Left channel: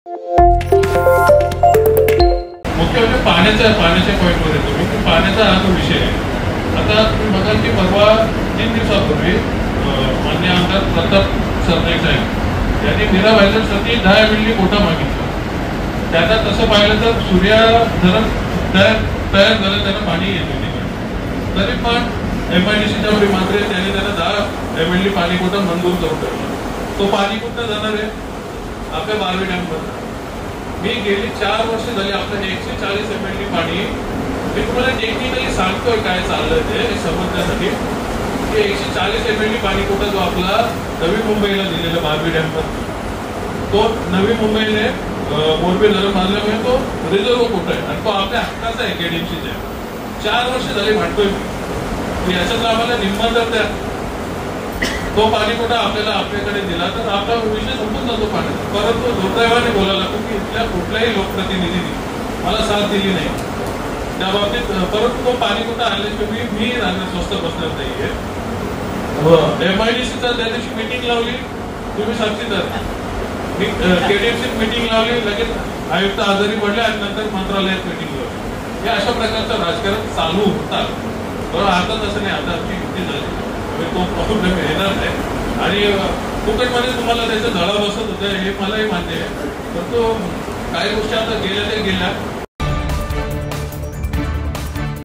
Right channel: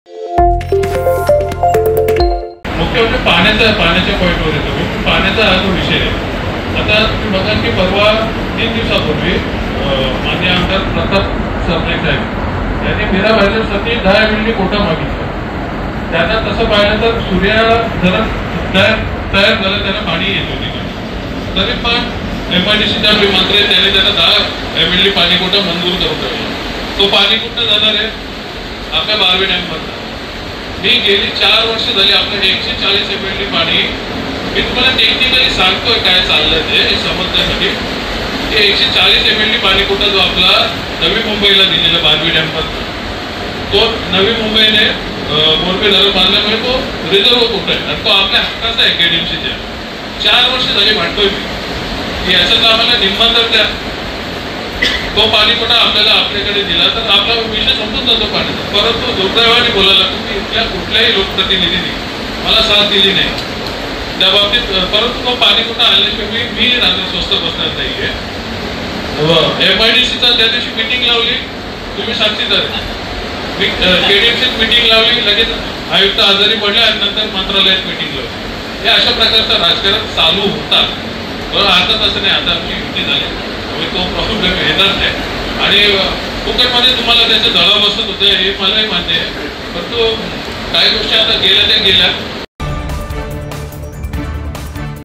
मुख्य म्हणजे पाण्याच्या पॉईंटवर येतो मी. पाण्याचा हा जो विषय आहे. आता तुम्ही बघा की परवा 3 दिवसापूर्वी मान्य आमदार प्रताप सरनाईक साहेब यांनी मीरा भाईंसाठी 10 मिली कोटा मागितला. त्यांना तसं पाहिलं तर सूर्या जरा तयार झालं, त्यांना पाणी येत होती. तरी पण MIDCच्या मंत्री त्यांनी त्यांना 10 MLD पाणी कोटा मंजूर करून ठेवला. तो पाणी कुठं जाणार आहे? आपल्या बारवे डॅमवर. मी गेली 4 वर्ष झाली आपलं 140 MLD पाणी, मी तुम्हाला टेक्निकली सांगतोय काय चाललंय ते समजण्यासाठी. 140 MLD पाणी कोटा जो आपला नवी मुंबईला दिलेला बारवी डॅमवर, तो नवी मुंबईने मोरबी धरण बांधल्यामुळे तो रिझर्व कोटा आहे आणि तो आपल्या हक्काचा आहे. KDMCच्या 4 वर्ष झाली म्हणतोय मी की याच्यात आम्हाला निम्मा जर द्या, तो पाणी कोटा आपल्याला आपल्याकडे दिला तर आपला विषय संपून जातो पाण्याचा. परंतु दुर्दैवाने बोलायला लागतो की इथल्या कुठल्याही लोकप्रतिनिधींनी मला साथ दिली नाही त्या बाबतीत. परंतु तो पाणी कोटा आल्याशिवाय मी राहणार स्वस्त बसणार नाहीये. MIDCचा त्या दिवशी मिटिंग लावली, तुम्ही साक्षीदार. KDMCत मिटिंग लावली, लगेच आयुक्त आजारी पडले आणि नंतर मंत्रालयात मिटिंग लावली. हे अशा प्रकारचं राजकारण चालू होतात. आता तसं नाही, आता आमची युती झाली, तो प्रॉब्लेम येणार नाही. आणि फुकटमध्ये तुम्हाला त्याचे दळा बसत होते हे मलाही मान्य आहे. परंतु काही गोष्टी आता गेल्या त्या गेल्या.